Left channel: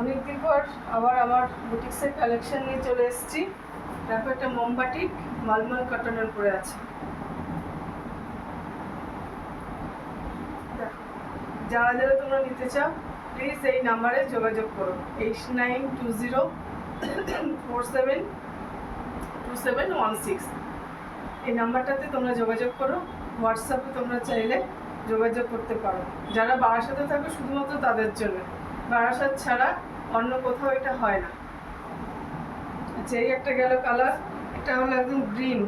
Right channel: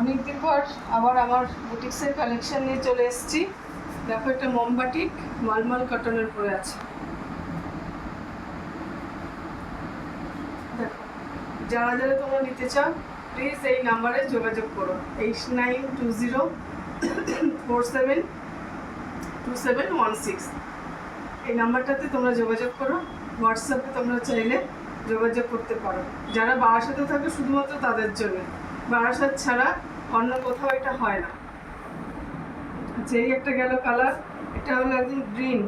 অনেকদিন পর আবার আমার বুটিক্সের কালেকশন নিয়ে চলে এসেছি। দেখো, একটা মোমবাটিক মালমাল কটনের পরে আছে। দেখো, যারা যারা তোমরা নিতে চাও প্লিজ এই নাম্বারে যোগাযোগ করো, 8920472716। এই নাম্বারটাতে তোমরা যোগাযোগ করো। হোয়াটসঅ্যাপে তোমরা চাইলে যোগাযোগ করতে পারো। যারা বারাসাতে থাকে শুধুমাত্র তাদের জন্য, বারাসাত ছাড়া অন্য কোথাও এটা হয় না। আচ্ছা, এই একটা গেল কালার, এটা হলো একদম গ্রিন।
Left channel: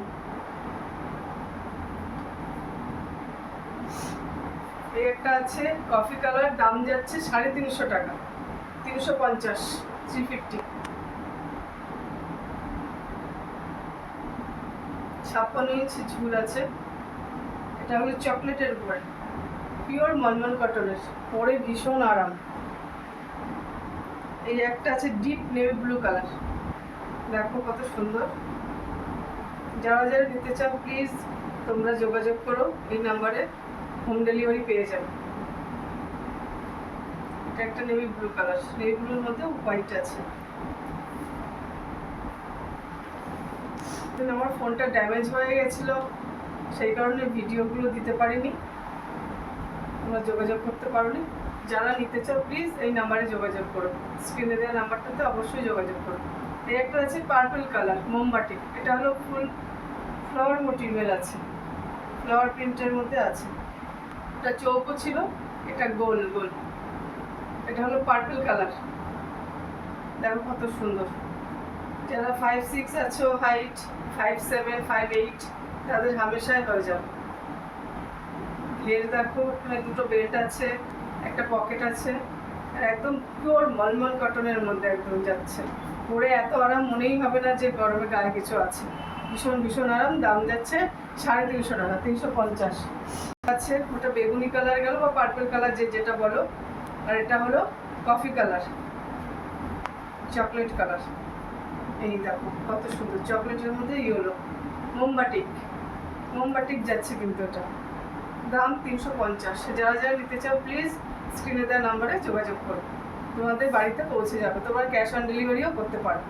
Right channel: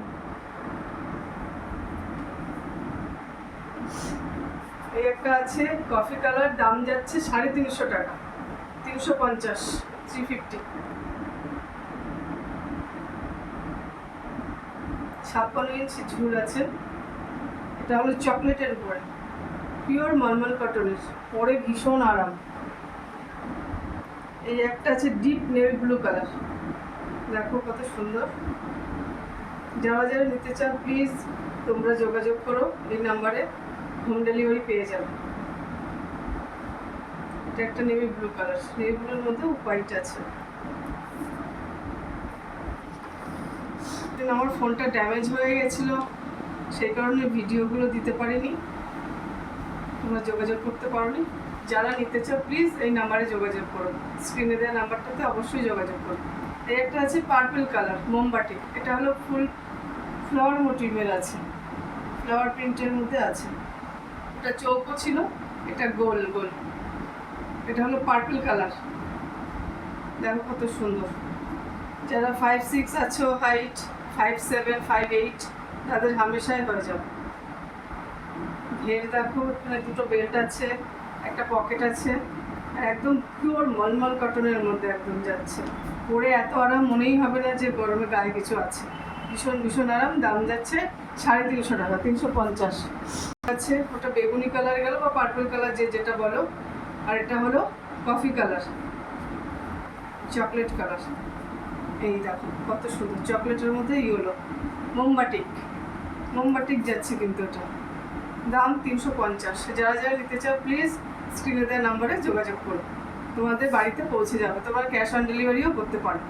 এই একটা আছে কফি কালার, দাম যাচ্ছে 350 টাকা, 350, 350। 56 ইঞ্চি ঝুল আছে। এটা হলো চকলেটের উপরে, পিওর মলমল কটনের, পরে ভীষণ আরাম। এই একটা আছে ডিপ নেভি ব্লু কালার, দেখো কত সুন্দর। যারা যারা নিতে চাও প্লিজ তোমরা যোগাযোগ করো, এই নাম্বারে হোম ডেলিভারি পেয়ে যাবে। এটা একটা নেভি ব্লু কালার, নেভি ব্লুর মধ্যে হোয়াইট আছে। আমার ফোনটা ড্যামেজ হয়ে গেছিলো, সেই কারণে ভিডিওগুলো দিতে পারিনি, তোমরা যোগাযোগ করতে পারোনি। যারা নিতে চাও প্লিজ এই নাম্বারে যোগাযোগ করো, স্ক্রিনে দেওয়া নাম্বারটাতে অবশ্যই যোগাযোগ করো। এই একটা আছে পার্পল কালার মোমবাটি, এটা হলো ফুল ফ্লাওয়ার মোটিভের আছে, ফ্লাওয়ার প্রিন্টের মধ্যে আছে। এটা চৌকো ছিল, এটা গোল গোল। এটা হলো পার্পল কালার, দেখো কত সুন্দর। যারা 5'6" আছো হাইট, 5'7", 5'8", তাদের হামেশাই হয়ে যাবে। ঘের দেখো, এখানে দুটো বেল্ট আছে, একটা পকেট আছে, আর একদম পিওর মলমল কটনের মধ্যে একদম যাচ্ছে। পরে এত আরাম মনেই হবে না যে গরমে গায়ে কিছু আছে। ভীষণ ভীষণ আরাম। দাম যাচ্ছে 350 টাকা, 350 আছে। ওটা বেগুনি কালার গেল বা পার্পল কালার, যে যেটা বলো। আর এটা হলো কফি কালার, চকলেট কালার। এই দেখো কত সুন্দর, চকলেটের মধ্যে ইয়েলো। মোমবাটিক, মোমবাটিক যাচ্ছে কিন্তু এটা। দাম 350। যারা যারা নিতে চাও প্লিজ স্ক্রিনে দেওয়া নাম্বারে যোগাযোগ করো, তোমাদের বাড়িতে পৌঁছে যাবে। তোমরা ক্যাশ অন ডেলিভারিও করতে পারো।